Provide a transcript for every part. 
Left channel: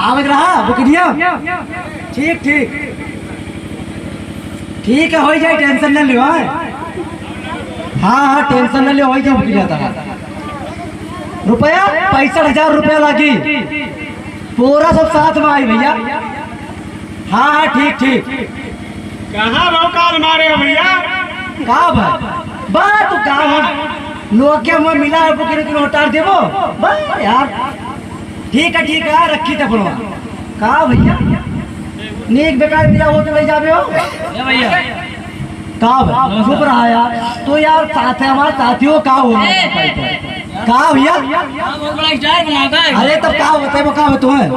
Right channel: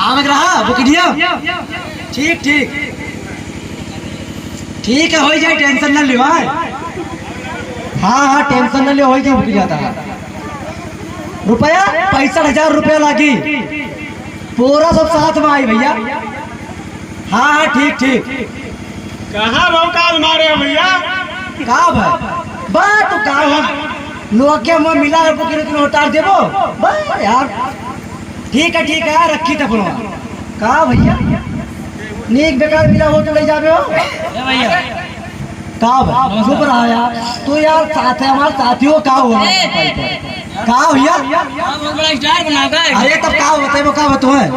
आवक रहा बुकिया। ठीक ठीक ठीक है, हो जाए, टेंशन ना लियो। हाँ हाँ टेंशन ना लियो, हो जाए बुकिया था। रुपया 65,000 रुपया लागी, पूरा सब साथ में आई भैया। हाँ हाँ ठीक ठीक। कहाँ काल मारे हो भैया? कहाँ भाई बात तो कहाँ है लोग के मैं मिला है बुकिया तुम उतार देवो भाई यार। ठीक है रखी तक कहा भैया नीक बेकार मिला हो तो ले जावे हो भैया। कहा चुप रहा यार तो यार साथ है हमारे साथियों का हो कहा भैया बहुत बड़ा स्टार बना कर। अरे तब क्या होता है वो क्या तुम्हें?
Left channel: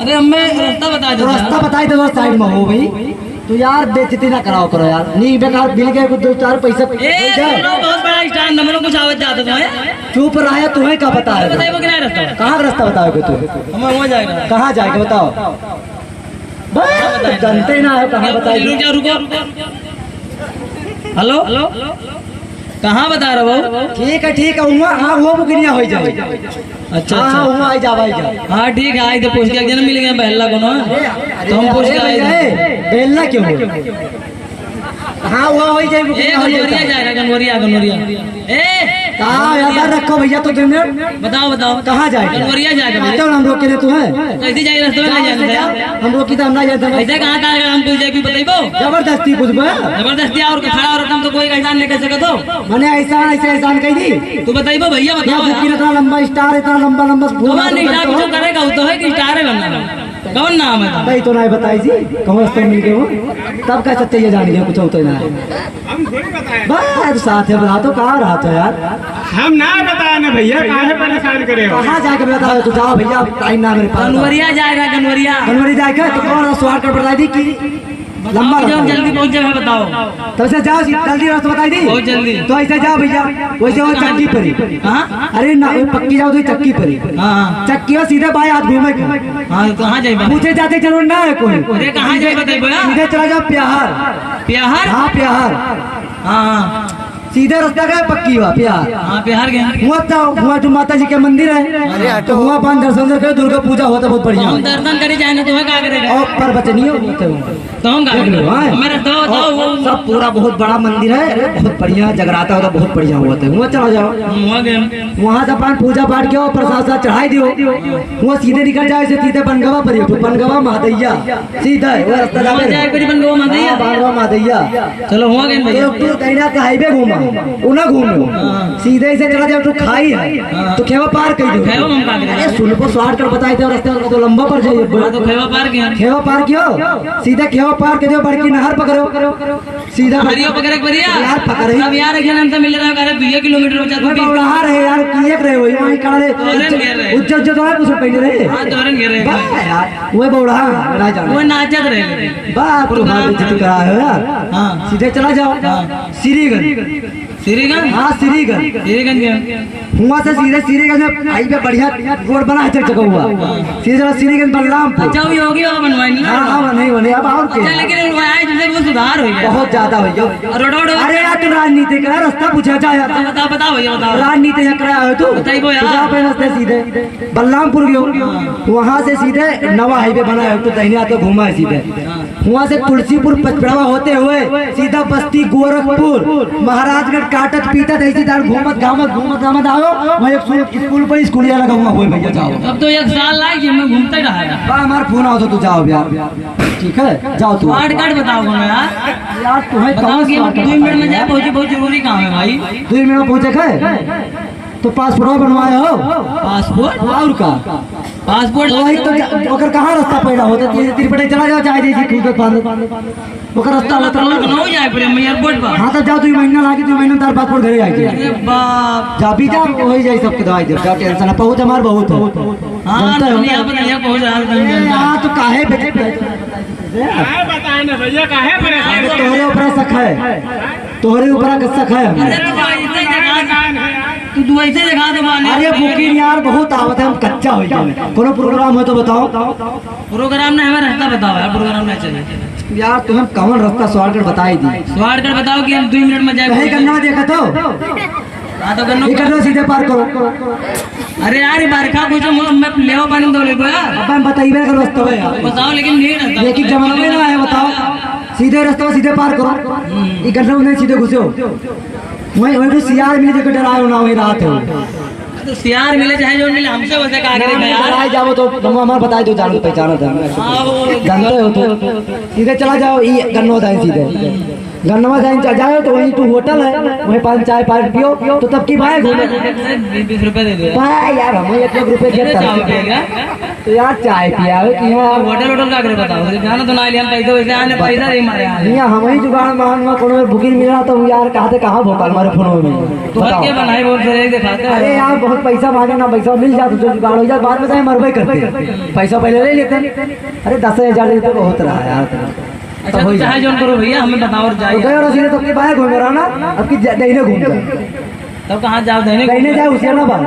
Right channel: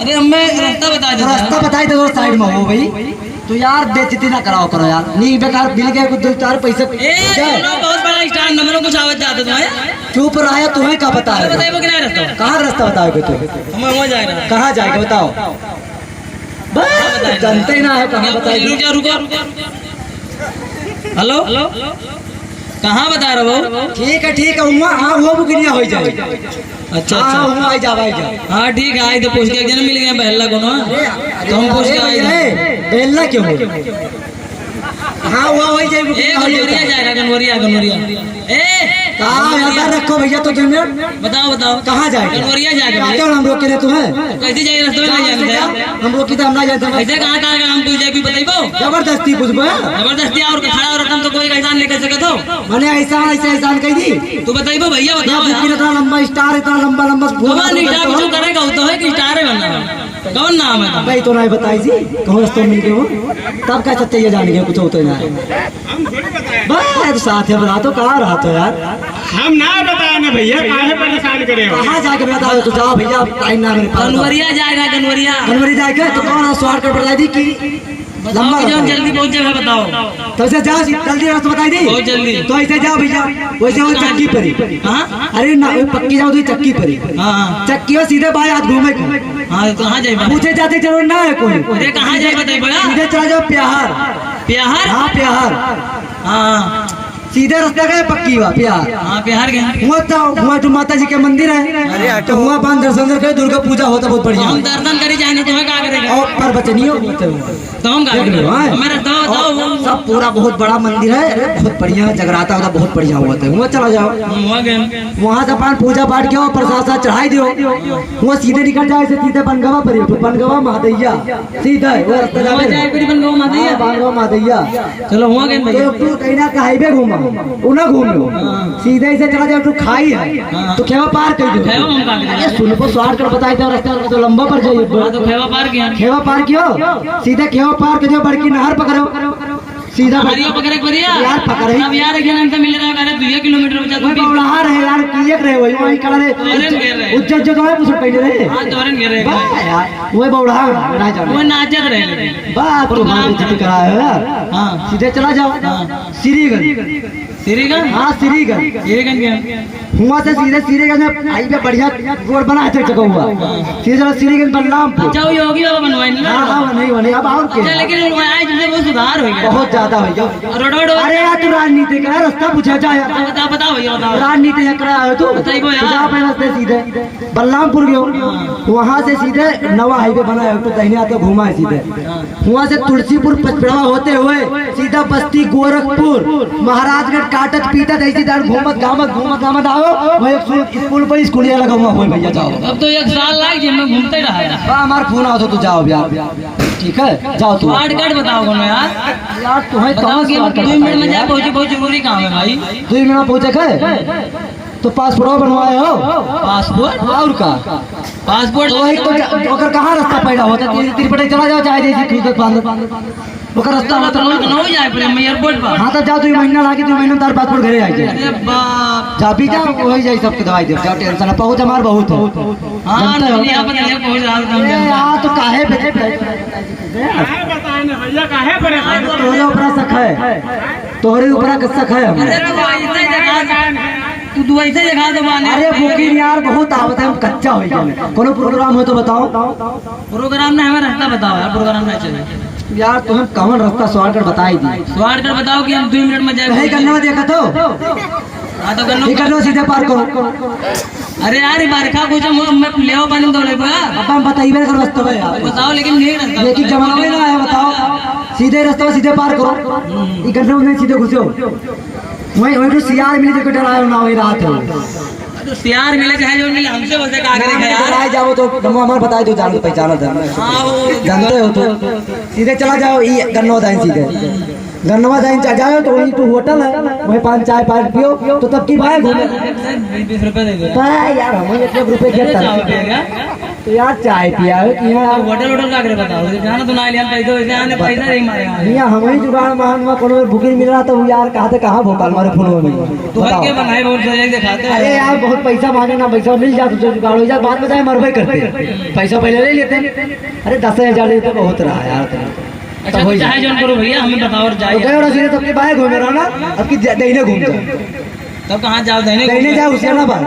अरे हमें रास्ता बता दे, रास्ता बताई दो साइड में हो भाई। तो यार बेइज्जती ना कराओ तो यार नहीं बेकार मिल गया कुछ 2-4 पैसे। बहुत बड़ा स्टार नंबरों कुछ आवाज जाता तुम्हें। चुप रहा है तुम्हें क्या बता रहे बताइए कितना रास्ता? कहाँ रास्ता बताओगे तुम? हमारा हो जाएगा। कहाँ जाएगा बताओ? बस जानते ही ना है कहाँ बताएगी। रुको हेलो कहाँ बता रहे हो? ठीक है वहाँ वो बुकिया हो जाए। अच्छा वहाँ आई जा भाई जा। हाँ ठीक है, आई तो पूछ के जन्म मिल गया बहला को ना, तो हम पूछ के आए बेलना क्यों हो? हाँ वो हो जाए गनवरिया जाएगा, गनवरिया कहाँ याद रखो भैया। तो तुम्हें बताओ कहाँ जाएगा? गनवरिया जाएगा। क्यों हम रोके तुम्हें? कैसे जाए रास्ते में नहीं जाएगा? हम रोकी तो हम ना जाते ऐसे कहाँ हम तुझे भी बताइबो? जबरदस्ती पूछबो जबरदस्ती और खड़ा और रकम तो कोई एहसान नहीं कर सके तो मैंने एहसान कही दी तू बताइबो भैया बताओ। इतना लंबा स्टार इतना लंबा जो करेगा वो तो है कि स्टार है बनना। कौन नाम है? कहीं तो नहीं बताई जी कौन रास्ते मिल गए हो तब क्या सत्य ये जान गए कुछ होता है हम थोड़ी बताए। बस साथ है बना तो कहाँ रहा तो यार हम ना बताए ना भैया, काहे परेशान करे हो? कहाँ जाके बता तो जाओ भैया टाइम ना मेरे पास। गनवरिया जाएगा गनवरी जाएगा तो कौन स्वार कर बता दी कि लंबा जल्दी पहुंच जाएगा बताओ। तो ऐसे जाओ जल्दी रास्ता बताई दी बहुत जल्दी। तो ऐसे जाओ भैया वैसे वो चक्की परी। हाँ अरे ना वो पक्की जाओ तो चक्की परी। हाँ चक्की हो सीधे बाएं हाथ घूमे हाँ कहाँ जाए? पूछे जाते जरूर ना है कोई। उधर कहाँ जाए बताइए? सीधे चला जाओ प्यार। हाँ प्यार हाँ सीधा रास्ता गया पक्की हुआ प्यार। हाँ बिहार गए हुआ जो माता जी के मंदिर है। अरे हटो हुआ पान दर्शन करे दुर्गा पूजा होता बहुत बढ़िया। हम दर्शन करे जाएंगे तो क्या करेगा? और पर बचनियो सब पूरा बहुत बड़ा मंदिर है, बहुत बढ़िया जगराता होता बहुत बढ़िया होता है। वहाँ चला जाओ, वहाँ से पान पूजा पाठ किया प्रसाद चढ़ाई दियो। वहाँ सीधे निकल जाए सीधे बनगवा पर बनगवा मादैया सीधा बनगवा मादैया। चलो हुआ गए हाईवे घूमा उना घूमो सीधे से चला जाओ तो खाई है तो खेवा पार कर दो। सुन को स्वार कर बताई दो रास्ता तो लंबा पर जाइए तो खेवा पार कियो सीधा खेवा पार कर दो बड़की नहर पकड़ो सीधा यार पकड़े। अब यार नाम तो मिल रहा है 2 किलोमीटर नहर है यार किए रहे वही वहीं करे उज्जत जो है कुछ पहले रहे। हां तोरन घेरे यार वो बौड़ा ना जाने वो नाचत रहे बाप तुम्हारे बेइज्जती करा है यार। हां सीधे चला जाओ श्रीगंज। हाँ श्रीगंज हुआ से सीधे श्रीगंज में हाईवे बढ़िया रोड बना है जगह हुआ सीधे चला श्रीगंज बलरामपुर। अच्छा वो योगी बाबा बनवाए ना? हाँ नहीं अब और क्या लेकिन वो सुधार हो गया बहुत ज्यादा हो गया रोड। अरे यार तू राजनीति का रास्ता पूछा जाए बताओ राजनीति है तू रास्ते सीधे बलरामपुर गयो वहाँ से सीधे नवा हाईवे बना है तो दाहिने हाथ घूमा है सीधे वहाँ से तुलसीपुर पचपड़वा होते हुए सीधा बस्ती गोरखपुर महाराजगढ़ काटत पीटत ऐसी दार घूमत गामत आओ मैं एक स्कूल पर स्कूलिया लगाऊंगा हो भैया जाओ। अब तो 1 साल लाइक जिम में घूमते रहा हमारा फोन आओ तो जाओ यार ठीक है जाओ तू कार्ड बताओ यार तुम्हें कहाँ 2 मिनट में जाए पहुंचे बहुत जरूरी काम है भाई। 2 मिनट में पहुंचे गए तो पासपोर्ट बनवाए हो? पासपोर्ट और का पासपोर्ट वही तो अगर कहाँ रास्ता पैदा होता तिरपटे चला जाओ चाहे जैसे खुद ओकर रास्ता होता हो जाए पर हम एयरपोर्ट पर। हां तो जाओ 2 महीना लागे 2 महीना तार पासपोर्ट घरे आ जाए। अरे बाप जा भी जा हो जाए सबके दवाई दे क्या टेंशन है पहुंच हमार बहुत है। हां दुनिया पर नहीं पहुंच रहा हां तो काहे बताए ना भैया काहे परेशान? तोहरे ऊपर शक है तोहरे ऊपर शक है। अरे भाई ऐसे जगह तू दो ऐसे जगह दे माने। अरे बुकिंग यार बहुत आवत है हम कच्चा हो गया कोनो प्रोग्राम हो तो बताओ। प्रोग्राम ना हमारा रास्ता बताओ यार प्रोग्राम ना चले यार तुम्हें कौन रास्ता स्वारगढ़ बताई दी स्वारगढ़ बताओ कि हम 2 मिनट में जाए। नहीं करना देखा तो हाँ तो करना सीधे पार करो अरे यार बरखा कुछ मैं लेवा पानी दो ले यार। अब हम बताइए कर रास्ता है यार, बताओ लेकिन नहीं रास्ता ये कि जमाना में ना आया बताओ, सीधे रास्ता सीधे पार करो, ये गन्ना में सीधे घुसे हो, वही वही तो सियार मिले देखो डराए हो ना वही रात है, तो सियार मिले चाहे जो मिले हमसे वैसे का करेंगे यार। डराए जाओ तो नमो हमारे बताए तो जान पहचाना था, हाँ वो जानते हो तो सीधे चला जाओ, ये गन्नवा दाइन सीधे गन्नवा दाइन जाओ तो वही तो होटल है, वही 5 चाय 5 पियो तो तब की भाई घूमे 20 रुपए दे दे भाई यार हमें इतने रुपए चाय क्या पिएगा तो यार चाय पिया हो कि यार होटल होटल का करे बताओ जाना तो ना लिया पैसे वैसे आने पैसा नहीं मारे भैया हमें जुगाड़ मान में कोनो बुकिंग मिला तो यार कहाँ से कहाँ भोपाल मारे फोन में तो हर के बनाए बोल रहे दिखाते हो। अरे यार बहुत पैसा मांगे ना, पैसा मिल जाता तो जुगाड़ हो जाए, बाद में जाए मरबे करते, पैसा पहले ले लेते हैं। अरे 10,000 तो बहुत रहा है यार, अच्छा तो चाहे जोन करो भैया हमें बताओ और तो जाइए गए और सीधे तब के बाहर घूमे रहा ना, अब की दहीने घूम जाए, तब कहाँ जाओ देने दहीने जाए हुसैनाबाद।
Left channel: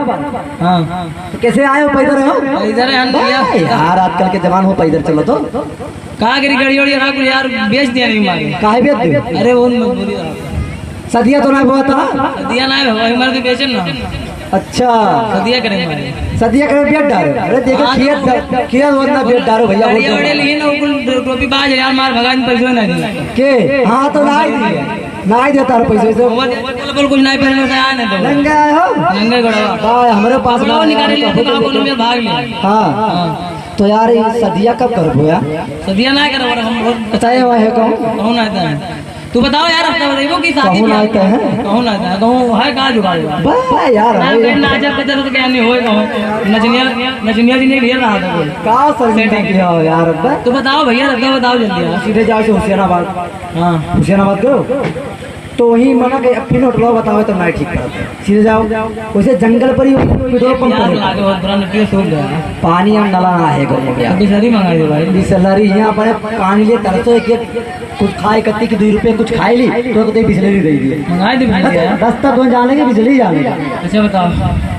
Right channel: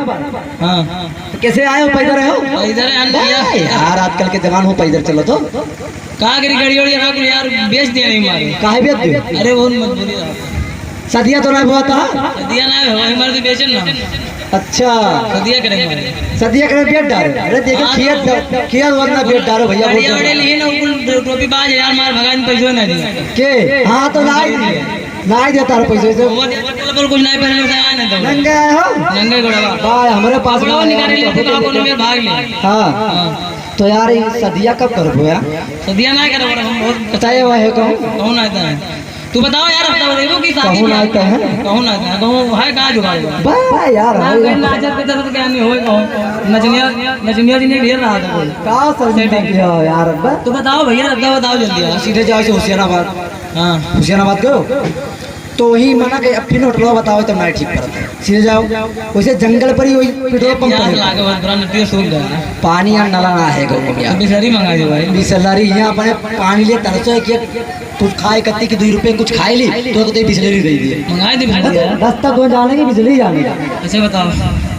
हाँ तो कैसे आए हो पैदल रहे हो इधर है यार, आजकल के जवान हो पैदल चलो तो कहाँ करी गड़ी वड़ी रहा कुछ यार बेच दिया नहीं मारे काहे भी अरे वो मजबूरी रहा सदिया तो नहीं हुआ था, दिया ना हो हमारे तो बेचन ना अच्छा दिया करेंगे हमारे सदिया करे बेट डालो, अरे देखो खेत वरना बेट डालो भैया बड़ी बड़ी लिए ना ऊपर टोपी बाज यार मार भगवान पैसे ना दिए के हाँ तो नहीं देता है पैसे से, वो बोल कुछ नहीं पहने से आने दो नंगे आए हो नंगे गड़वा भाई हमारे पास गड़वा निकाल लिए तो काम में भाग लिए हाँ तो यार ये सदिया कब करोगे यार, सदिया ना करे बड़ा हम बहुत बताए हुआ है कहूँ कौन आता है तू बताओ यार हफ्ता बताइए कि शादी कहूँ आता है कौन आता है कहूँ है कहाँ जुगाड़ेगा भाई यार नाचत के चलो तो क्या नहीं होए कहूँ नचनिया दिन ढेर रहा था कोई का सर्दी किया हो यार, तू बताओ भैया रखता बताओ जल्दी यार सीधे जाओ से हुसैनाबाद, हाँ हुसैनाबाद गयो तो वही मना के फिर होटल बताओ तो मैं ठीक करता है, सीधे जाओ वैसे जंगल पर ही पेट्रोल पंप यार है, लागे बहुत बुरा नटिया सूख गया पानी या नला ना है गयो तो बिचारी मंगा दे भाई बिसलरी है अपने पानी लिए तरसो कि कुछ खाए कत्ती की 2 रुपए कुछ खाए ली तो बिसलरी दे दी मंगाए तो बिचारी यार रास्ता कौन जाने के बिजली जाने का, अच्छा बताओ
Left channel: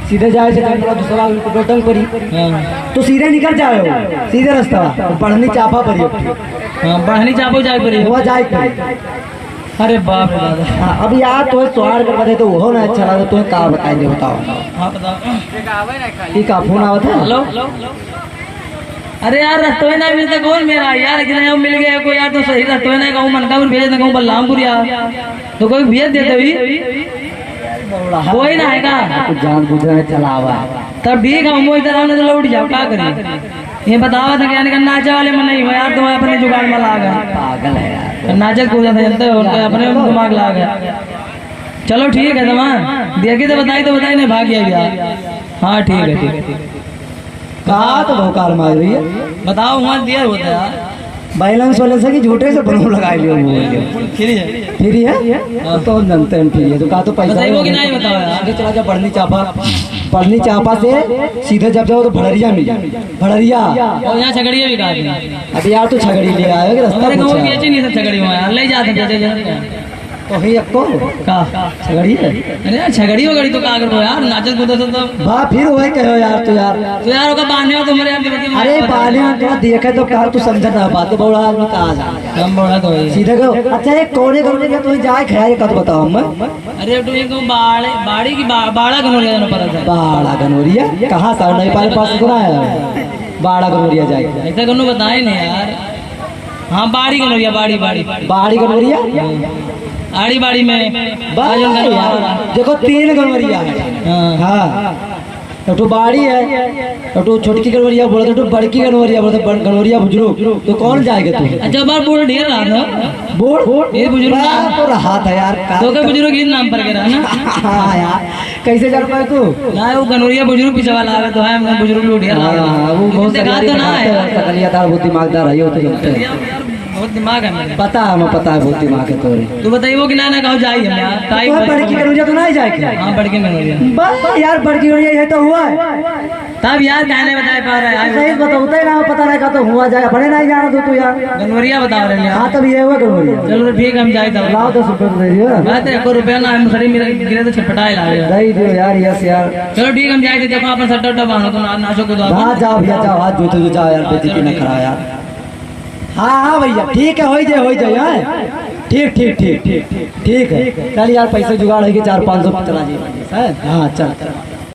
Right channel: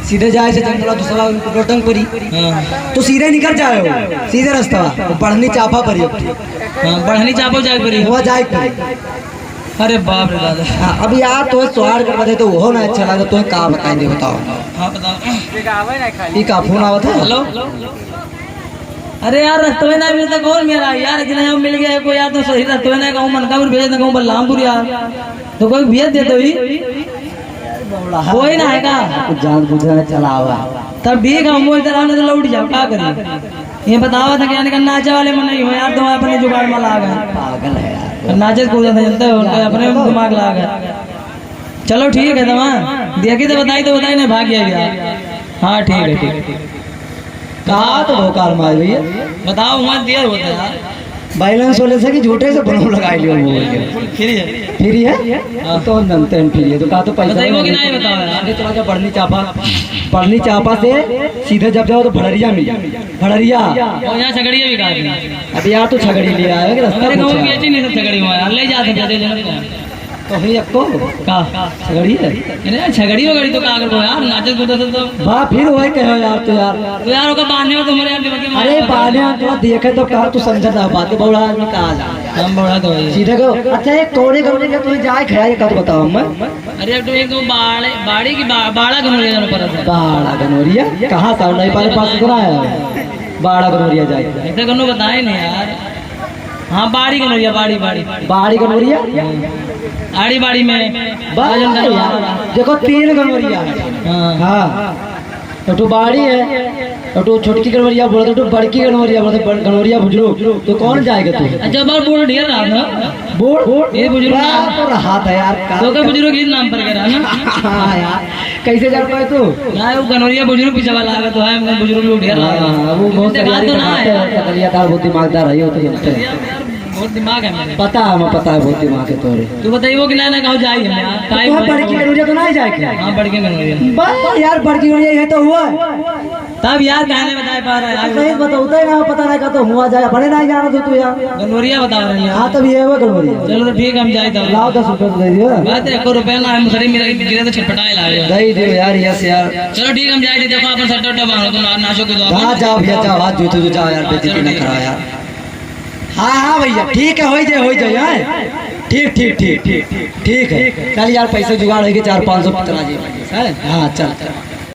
सीधे जाए से जंगल दूसरा रोटंग परी हाँ तो सीधे निकल जाए सीधे रास्ता पढ़नी चापा परी हाँ बढ़नी चापो जाए पड़ी हुआ जाए परी। अरे बाप रे दादा हाँ, अब यार तो स्वाद कर बता तो वो ना अच्छा लगा तो का बताएंगे बताओ हाँ बताओ ये का फोन आवत है हेलो अरे यार रास्ते में नहीं मिलता कौन मेरा यार इतना यहाँ मिल गया कोई यार तो सही रास्ते में नहीं कहूँ मनकापुर भेज ना कहूँ बलरामपुर यार तो कोई भेज देते ही कोई ना है का कुछ जान बुझा चला हुआ तब ठीक है मोई तरह ने तो लौट जाओ क्या करिए ये बताओ था क्या निकल नाचे वाले में नहीं हो यार तुम अपने जुगाड़ में लागा पागल है यार, नाचे कूदा था जनता उनका अपने दिमाग लागा चलो ठीक है तुम देखी तो बताई नहीं भाग गया हाँ ठीक है कहा तो भोकाल मार भैया बताओ वहाँ देर होता है यार बैलेंस वाले से कि झूठे से बनू लगा लियो फिर फ्री है तो जानते हैं फ्री है तो कहा तो पैसा बताइए कि नहीं बताओ यार आगे चला जाओ बढ़नी चापा से सीधे जब जाओ तो भड़रिया मिल भड़रिया और यहाँ छगड़िया भी काट अब यार तो छगड़ी ले आए रास्ता पूछा नहीं सब छगड़ी में यार ले जाते तो ही आपको का छगड़ी है अरे छगड़ी हो गड़ी तो का करो यार नाचत कूदत तो बा फिर वही कहो यार तो यार ओका बांधने हो तुम्हारे यार दिमाग में अरे बाने में तो देखे तो कहा तू समझ ना पाते बड़ा आदमी कहा जा हम बड़ा तो है सीधे कहो अच्छा ये कोने कोने के तुम्हें जाए खड़ा का तो बताओ मैं अरे तो एक बाड़ी की बाड़ा कनो ले जाना पड़ा था बाड़ा गनोरिया कहाँ से नहीं पास पास सुना है बाड़ा गनोरिया जाए ऐसा कनो बताए नहीं यार हाँ बाड़ी कनोरिया बाड़ी गनोरिया आड़ी बाड़ी में देखो 3 गनोरिया हाँ एक तो बाड़ी है एक तो छोटकी गनोरिया बोलते एक तो बड़की गनोरिया बोलते गनोरिया बुजुर्ग तो कौन जाएगा तू अच्छा बार बोल ढेर रहा था बोल ये बुजुर्ग तो रहा था यार तो के बुजुर्ग ये नाम पर के रहा ना हाँ यार कैसे जान पाए तू ना वो गनोरिया बुजुर्ग पीछे वाला है तो है हमने बुजुर्ग लोग ढेर रहा वो बहुत सकलियादार बहुत दिमागदार है तो बहुत दिमाग है मेरे पता है हमें पता है बहुत दिमाग है तोरे तू बताइए कि ना कहो जाइए तो बड़की गनोरिया तो नहीं जाएगा हाँ बड़की गनोरिया यार बड़की गनोरिया ये तो हुआ है तब यार कहने बताए पा रहा है सही बताता ही ना पता नहीं का तो हुआ जाए बड़े नहीं जाना तू यार गनोरिया बता रहे हैं हाँ तब ये वो गनोरिया चलो तो ठीक है हम जाए तब लाओ 10 रुपए दे दियो बात है 1 रुपया ना हम सरी मेरे गिरे तो छटपटाए लाए दे दियो यार यस यार चलो ठीक हम जाए देखो अपन सट्टा उट्टा बांधो तो नाशो के दो हाँ जाओ भैया जाओ हाथ जूते जाओ यार बेइज्जती ना कराओ यार हाँ भैया ठीक है हो जाए यार ठीक है चल यार पैसे जुगाड़ है कि 400-500 चला जाए हाँ चल